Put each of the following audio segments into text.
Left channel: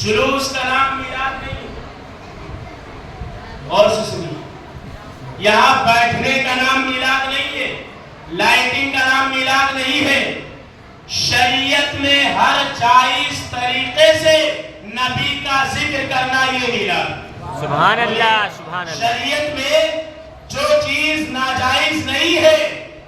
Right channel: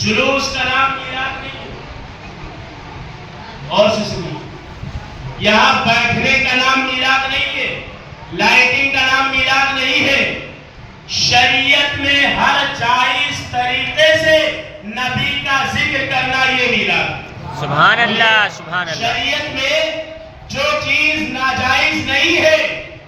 جلوس کا نام میلاد نہیں ہے. غور سے سنیے، یہاں بیٹھنے کا نام میلاد نہیں ہے، لائٹنگ کا نام میلاد نہیں ہے. شریعت میں ہر جائز طریقے سے نبی کا ذکر کرنا یہ میلاد. سبحان اللہ، سبحان اللہ. شریعت میں جو چیز ناجائز نہیں ہے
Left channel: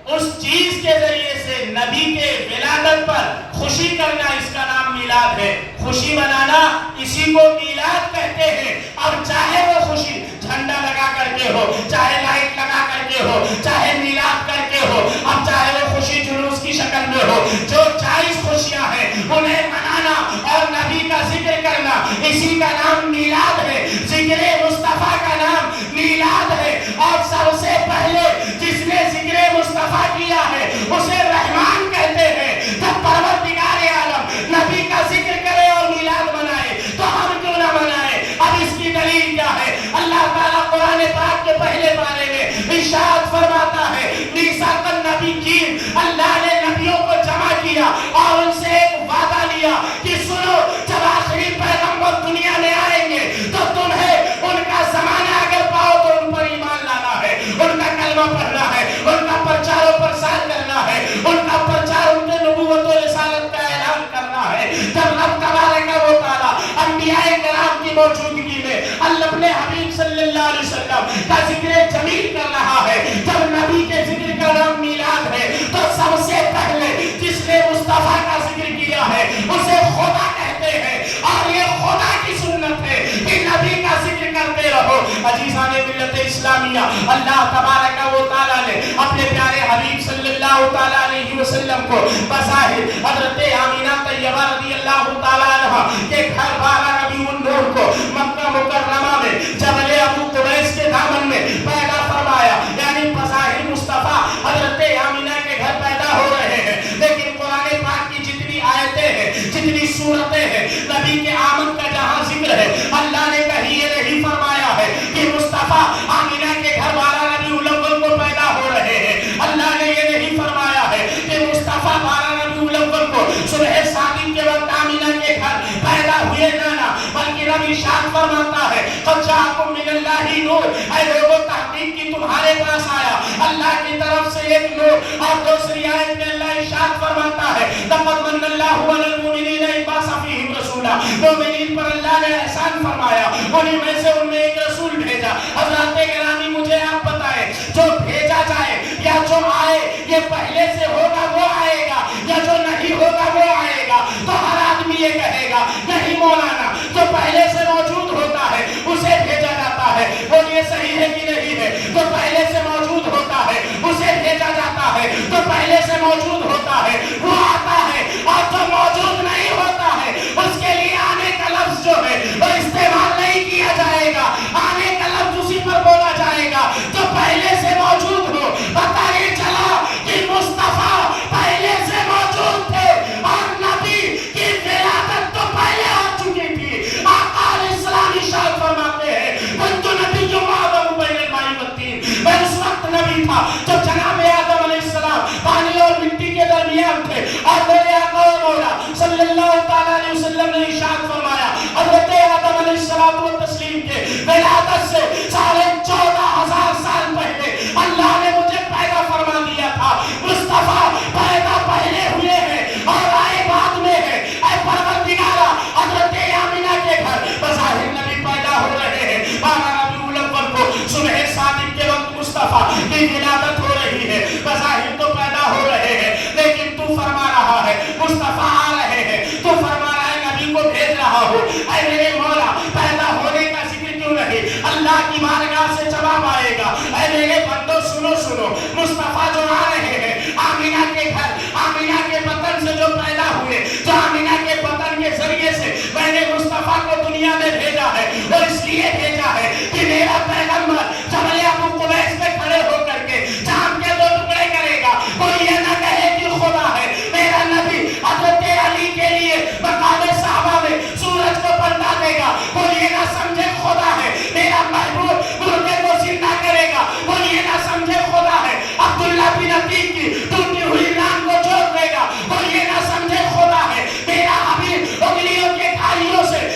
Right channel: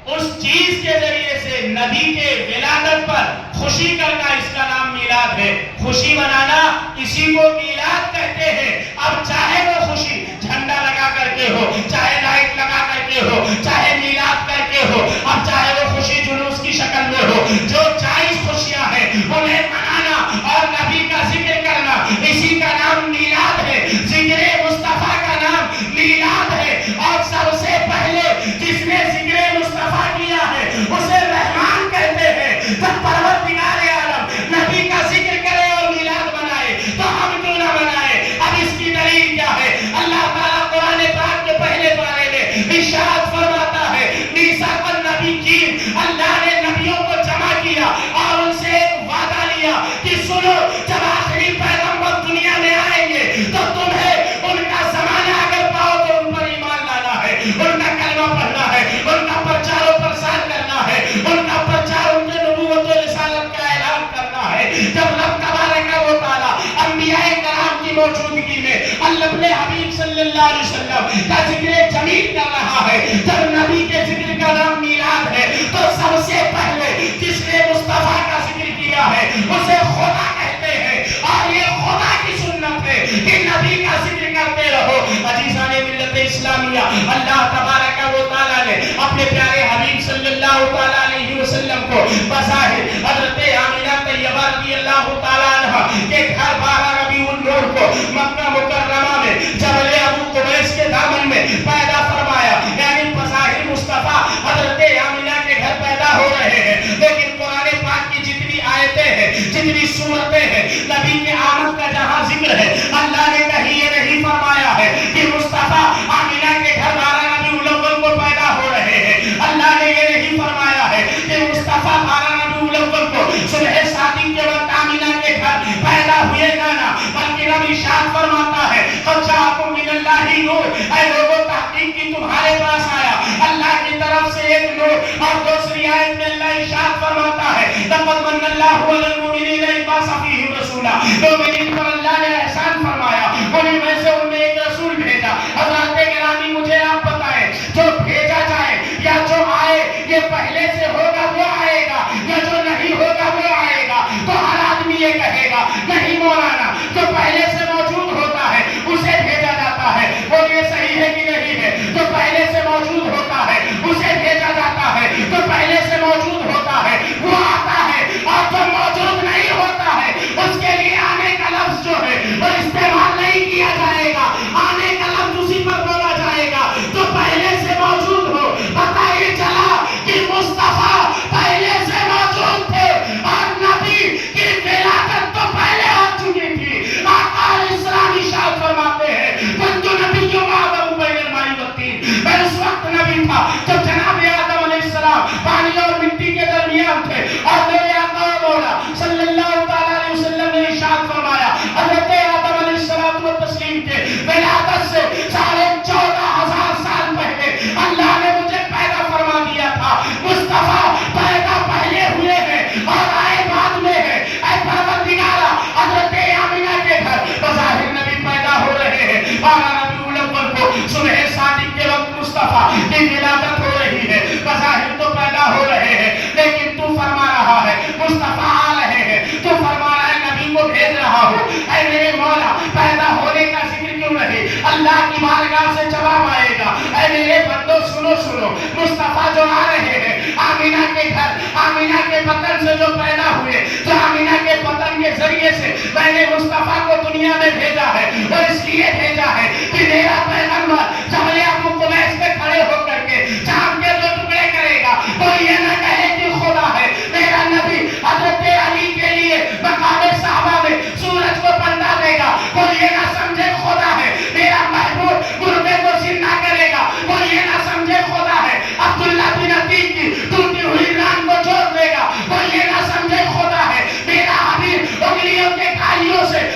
اس چیز کے ذریعے سے نبی کے ولادت پر خوشی کرنا، اس کا نام میلاد ہے. خوشی منانا اسی کو میلاد کہتے ہیں. اب چاہے وہ خوشی جھنڈا لگا کر کے ہو، چاہے لائٹ لگا کر کے ہو، چاہے میلاد کر کے ہو، اب چاہے وہ خوشی جلوس کی شکل میں ہو، جو جائز خوشیاں ہیں انہیں منانا اور نبی کا ذکر کرنا، اسی کا نام میلاد ہے. ذکر مصطفیٰ کا نام میلاد ہے. اور سب سے پہلے جس نے ذکر مصطفیٰ کیا ہے اسے رحمان کہتے ہیں. جب پروردگار عالم نبی کا ذکر کرے اور میلاد منائے تو ہم کیوں نہ منائے؟ اب اس کی دلیل کیا ہے؟ اللہ تعالیٰ قرآن پاک کے پہلے پارے میں ارشاد فرماتا ہے، میثاق النبیین، اللہ نے نبیوں کو جمع کیا اور ان سے ایک وعدہ لیا کہ سنو، جب آخری پیغمبر دنیا میں آئیں گے تو تمہیں ان کا زمانہ اگر پاؤ تو ان پر ایمان لانا ہے، ان کا کلمہ پڑھنا ہے، ان کا پرچار و پرسار کرنا ہے، ان کا پرچار، ان کے نبوت و رسالت کا اعلان کرنا ہے. جب رب تبارک و تعالی انبیاء کرام کی موجودگی میں اللہ اپنے حبیب صلی اللہ علیہ وسلم کا ذکر جمیل کر رہا ہے، جب نبی کے ذکر کا نام میلاد ہے تو سب سے پہلے جس نے مصطفیٰ کا ذکر کیا ہے اسے خدا کہتے ہیں. اور یہ خدا کی سنت ہے کہ نبی کا ذکر کرتے رہو. عزیزان ملت اسلامیہ، اللہ تبارک و تعالیٰ نے اپنے پیارے حبیب صلی اللہ تعالیٰ علیہ وسلم کو بظاہر حضرت آمینہ طیبہ رضی اللہ تعالیٰ عنہ کے گھر 12 ربیع النور کو مکہ مکرمہ میں جبل ابو قبیس کے دامن میں پیدا فرمایا. یعنی بظاہر مصطفیٰ حضرت آمینہ کے گھر پیدا ہو رہے ہیں، لیکن قرآن پاک کی جتنی آیتیں ہیں، جتنی سورتیں ہیں، نبی کے آمد کا جہاں ذکر ہے، اللہ نے کہیں یہ نہیں فرمایا ہے کہ مصطفیٰ آمینہ کے گھر 12 ربیع الاول کو پیدا ہو رہے ہیں. اللہ نے یہ نہیں فرمایا ہے کہ مصطفیٰ 12 ربیع الاول کو صبح صادق کے وقت آمینہ کے گھر پیدا ہوئے جانا، بلکہ رب ارشاد فرماتا ہے قد جاءکم من اللہ نور، اے لوگوں تحقیق کی تمہارے پاس آیا اللہ کی طرف سے ایک نور. اور دوسری آیت میں اللہ ارشاد فرماتا ہے لقد من اللہ علی المؤمنین اذ بعث فیہم رسولا، مومنین پر اللہ نے احسان فرمایا، انہیں میں سے ان میں ایک رسول بھیجا. حضرات گرامی، مجھے آپ بتائیں، جو بھیجا جائے یا جو آئے یہ پہلے سے ہوگا وہ آئے گا یا جو نہیں ہوگا وہ آئے گا؟ تو ہر آدمی یہ کہے گا نہیں مولانا، جو پہلے سے موجود ہوتا ہے اسے بھیجا جاتا ہے. اور یہ صحیح ہے کہ نہیں ہے؟ جو پہلے سے موجود ہوتا ہے اسے بھیجا جاتا ہے، جو پہلے سے موجود ہوتا ہے وہ آتا ہے، اور جو موجود نہیں ہوتا ہے اس کے لیے آنے کا لفظ جو ہے وہ استعمال نہیں کیا جائے گا. آنے کا لفظ اسی پر بولا جائے گا جو پہلے سے موجود ہو. پتہ یہ چلا کہ مصطفیٰ پہلے سے موجود تھے اور نبی کی ولادت تو پہلے ہو چکی تھی. آقا علیہ السلام ارشاد فرماتے ہیں كنت نبی آدم بین الماء والطین، میں اس وقت نبی تھا جو جناب آدم علیہ السلام پانی اور مٹی کے درمیان تھے. اور میرے آقا و مولا صلی اللہ تعالیٰ علیہ وسلم نے ارشاد فرمایا حضرت آدم علیہ السلام و تسلیم کے ولادت سے 14,500 سال پہلے اللہ نے مجھے پیدا فرما دیا تھا. مصطفیٰ پیدا پہلے ہوئے ہیں اور آئے بعد میں ہیں. اے پروردگارا، حضرت آمینہ کے گھر بظاہر نبی پیدا ہو رہے ہیں. 12 ربیع الاول کو صبح صادق کے وقت مصطفیٰ کی ولادت ہو رہی ہے. بظاہر تو پیدا ہو رہے ہیں، لیکن تو فرما رہا ہے مصطفیٰ آ رہے ہیں، تو فرما رہا ہے نبی کو بھیج رہا ہوں. اے میرے مولا، پیدا ہونے کا ذکر کیوں نہیں؟ اللہ کی بارگاہ سے جواب آئے گا. اے میرے بندو سنو سنو، مصطفیٰ جو آ رہے ہیں آمینہ کے گھر، آمینہ کے بطن سے جو پیدا ہوئے، جو آمینہ کے بطن کے ذریعے سے میں نے مصطفیٰ کو دنیا میں بھیجا ہے، وہ اس لیے بھیجا ہے کہ میرا پیغمبر جبل ابو قبیس پہ کھڑے ہو کر کے چاند کے 2 ٹکڑے کرے گا. کوئی یہ نہ کہے کہ خدا ہے. میرا نبی حضرت علی کے لیے مقام صحابہ میں سورج کو پلٹا دے گا. کوئی یہ نہ سمجھے خدا ہے. میرا محبوب مردے کو زندہ کرے گا. کوئی یہ نہ سمجھے خدا ہے. عبداللہ بن عتیق کی ٹوٹی ہوئی ران کو جوڑ دے گا. کوئی یہ نہ سمجھے خدا ہے. میرا حبیب انگلیوں کے کھائیوں سے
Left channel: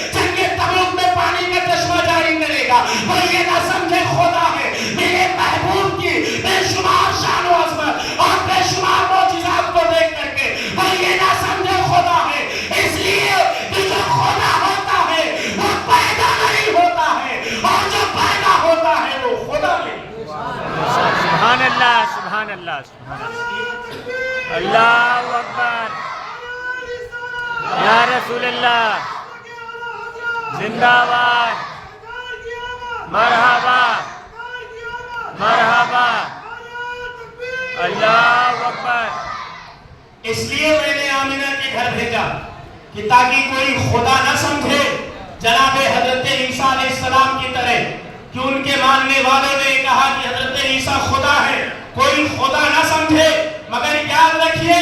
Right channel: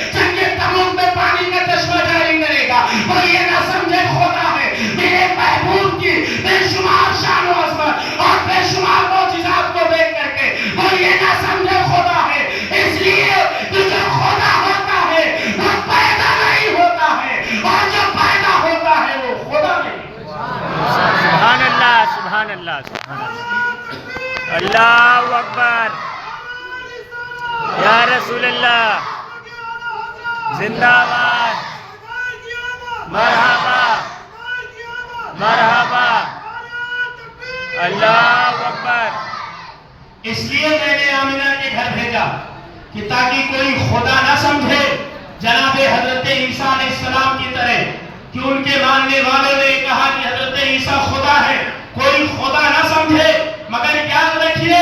اللہ سبحان اللہ سبحان اللہ اللہ اکبر یا رسول اللہ زندہ باد مرحبا مرحبا اللہ اکبر. اس لیے میں نے آمینہ کے گھر بھیجا کہ تاکہ کوئی خدا نہ سمجھے جناب حضرت عیسیٰ علیہ السلام کی طرح کہ ان کے ماننے والوں نے کہا کہ حضرت عیسیٰ خدا ہے. کوئی خدا نہ سمجھے مگر یاد رکھیے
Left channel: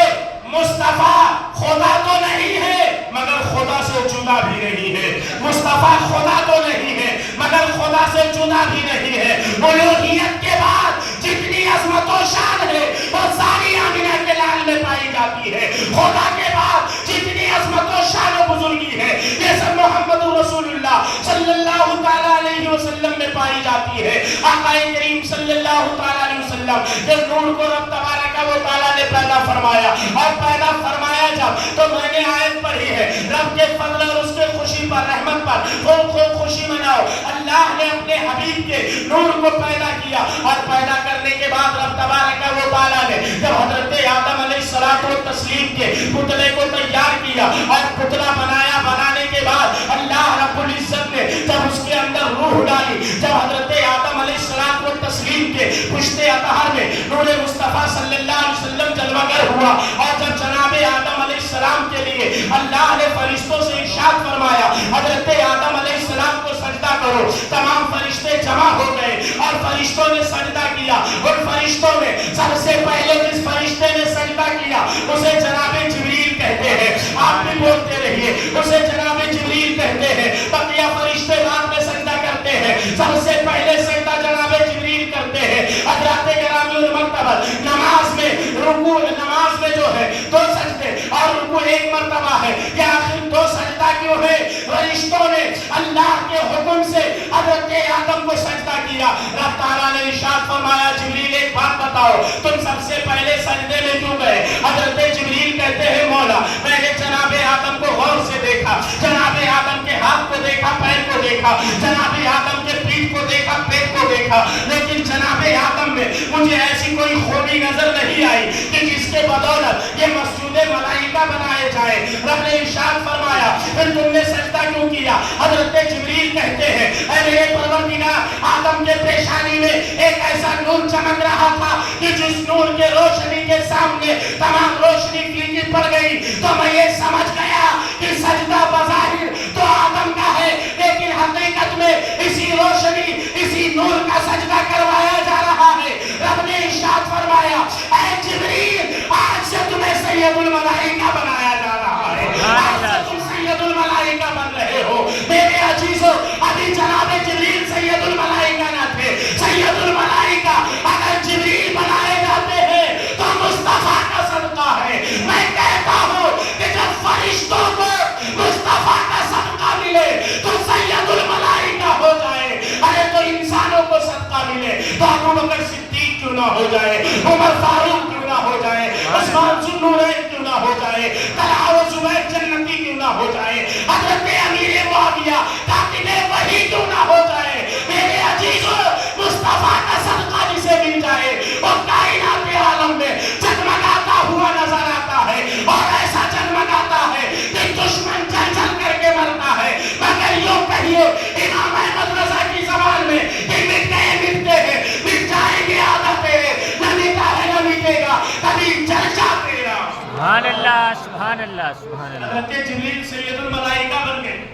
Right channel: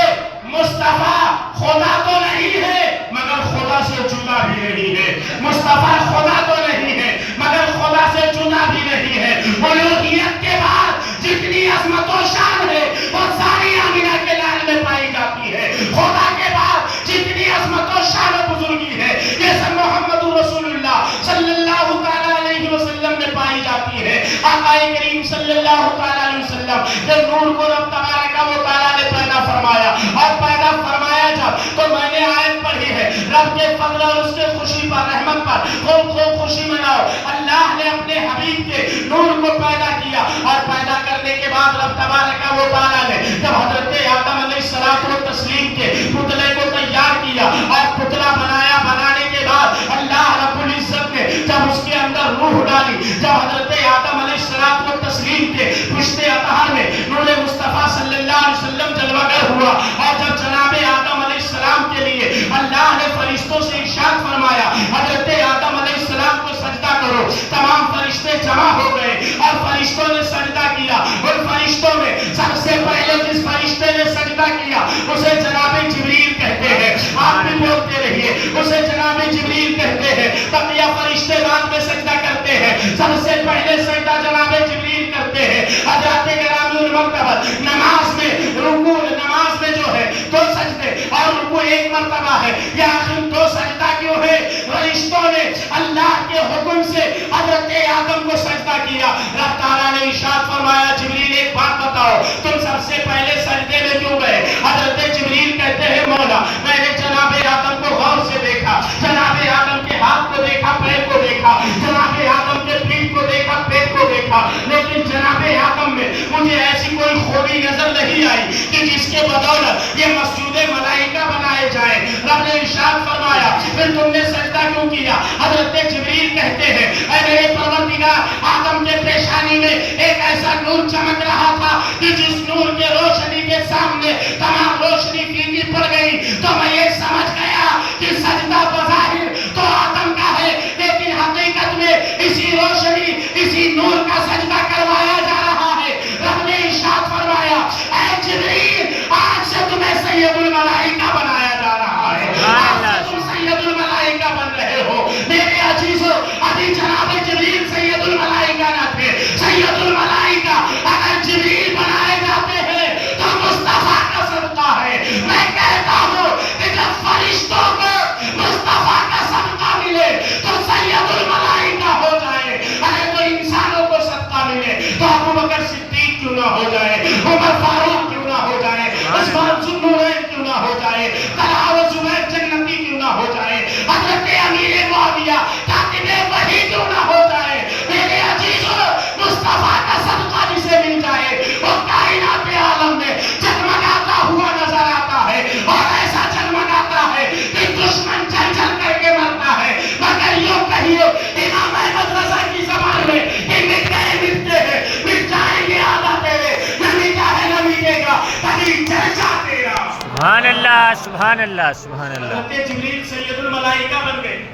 مصطفیٰ خدا تو نہیں ہے مگر خدا سے چنا بھی نہیں ہے. مصطفیٰ خدا تو نہیں ہے مگر خدا سے چنا بھی نہیں ہے. الوہیت کے بعد جتنی عظمت و شان ہے وہ ساری آمینہ کے لال میں پائی جاتی ہے. خدا کے بعد جتنی عظمت و شان و بزرگی ہے یہ سب محمد رسول اللہ صلی اللہ تعالیٰ علیہ وسلم میں پائی جاتی ہے. آقا کریم صلی اللہ تعالیٰ علیہ وسلم کے نور کو رب تبارک و تعالیٰ نے پیدا فرمایا اور پیدا فرمایا جب تو میں نے آیت پڑھی ہے رب کے فضل اور اس کے خوشی پر رحمت پر خوب خوب خوشی مناؤ. اللہ نے اپنے حبیب کے نور کو پیدا کیا اور پیدا کرنے کے بعد رب تبارک و تعالیٰ نے جب حضرت آدم علیہ السلام و تسلیم کے پتلے کو تیار کیا اور پتلا بنایا. بنانے کے بعد اللہ رب العزت نے جب اس کے اندر روح ڈالی جب حضرت آدم علیہ السلام و تسلیم کے پشت اطہر میں نور مصطفیٰ صلی اللہ علیہ وسلم جلوہ گر ہوا اور جب جناب آدم علیہ السلام کے لیے اللہ نے فرشتوں سے ارشاد فرمایا حضرت آدم علیہ السلام کو سجدہ کرو. تمام فرشتے جمع ہو گئے اور فرشتوں نے سجدہ کیا. ان فرشتوں میں سب سے پہلے جس فرشتے نے سجدہ کیا اسے جناب جبریل کہتے ہیں. آپ بھی بولتے رہیے اسے جناب جبریل کہتے ہیں. بقیہ فرشتے بعد میں سجدہ کرتے ہیں. سب سے پہلے سجدہ جناب جبریل کرتے ہیں. حضرات گرامی المرتبہ نماز میں رکوع نماز میں جو ہے دو سجدے اور رکوع ایک مرتبہ ہے. یہ آخر دو سجدہ کیوں ہے؟ فرشتوں نے اللہ کے حکم سے حضرت آدم کو سجدہ کیا. رب تعالیٰ نے ارشاد فرمایا جبریل ایک بات بتاؤ تم سب سے پہلے سجدے میں کیوں گئے؟ حضرت جبریل کہتے ہیں مولا میں نے جناب آدم کو غور سے دیکھا. جناب آدم کے ہاتھ کو دیکھا پیر کو دیکھا. جناب آدم کے پیٹھ کو دیکھا پیٹ کو دیکھا. لیکن جناب آدم میں مجھے ایسی کوئی خوبی نظر نہیں آئی کہ جس کے بدولت یہ مسجود ملائکہ بنائے جائیں. رب نے ارشاد فرمایا پھر تم نے سجدہ کیوں کیا؟ حضرت جبریل کہتے ہیں اے میرے پروردگار آدم کے پیشانی میں ایک ایسا نور چمک رہا تھا کہ جس نور کے روشنی کے سامنے تمام روشنی پھیکی پڑ گئی تو میں یہ سمجھ گیا کہ سجدہ بظاہر تو آدم کا ہے لیکن حقیقت میں اسی روشنی اسی نور کا سجدہ کروایا جا رہا ہے. رب نے ارشاد فرمایا اے جبریل آج سے تمہیں سید الملائکہ بنایا جا رہا ہے. آج سے تم سید الملائکہ بن رہے ہو. میرے عزیزو ابھی جناب جبریل سید الملائکہ نہ تھے. سید الملائکہ اگر جبریل بنائے جاتے ہیں تو مصطفیٰ کا صدقہ ہے. میں کہتا ہوں کہ جب فرشتوں کو مصطفیٰ کا صدقہ ملے تو سید الملائکہ ہو جائے. ارے تو انسانوں کو صدقہ ملے تو ابو بکر صدیق کیوں نہ ہو جائے, عمر فاروق کیوں نہ ہو جائے, عثمان ذو النورین کیوں نہ ہو جائے, طلحہ و زبیر جنتی کیوں نہ ہو جائے, حضرت امیر معاویہ کاتب وحی کیوں نہ ہو جائے. میرے عزیزو مصطفیٰ کا صدقہ جسے مل جائے وہ کائنات عالم میں جگمگاتا ہوا نظر آتا ہے اور ایسا جگمگاتا ہے کہ دشمن جل جل کر کے مرتا ہے. مگر یوں کہیے امام احمد رضا کی زبان میں کہ مٹ گئے مٹتے ہیں مٹ جائیں گے عادت تیرے نہ مٹا ہے نہ مٹے گا کبھی چرچا تیرا. سبحان اللہ سبحان اللہ سبحان اللہ. حضرت جبریل سید الملائکہ بن گئے.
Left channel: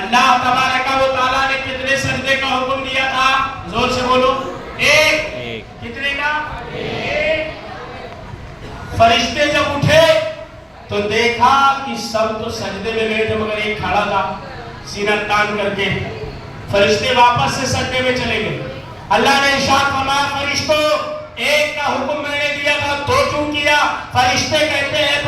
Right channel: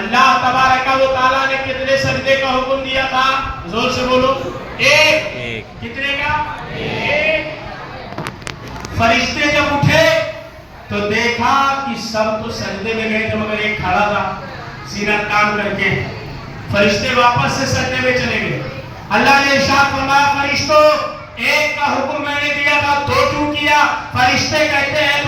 اللہ تبارک و تعالیٰ نے کتنے سجدے کا حکم دیا تھا؟ زور سے بولو. ایک. کتنے کا؟ ایک. فرشتے جب اٹھے تو دیکھا کہ سب تو سجدے میں گئے تھے مگر ایک کھڑا تھا سینہ تان کر کے. فرشتے واپس سے سجدے میں چلے گئے. اللہ نے ارشاد فرمایا فرشتوں ایک کا حکم میں نے دیا تھا دو کیوں کیا؟ فرشتے کہتے ہیں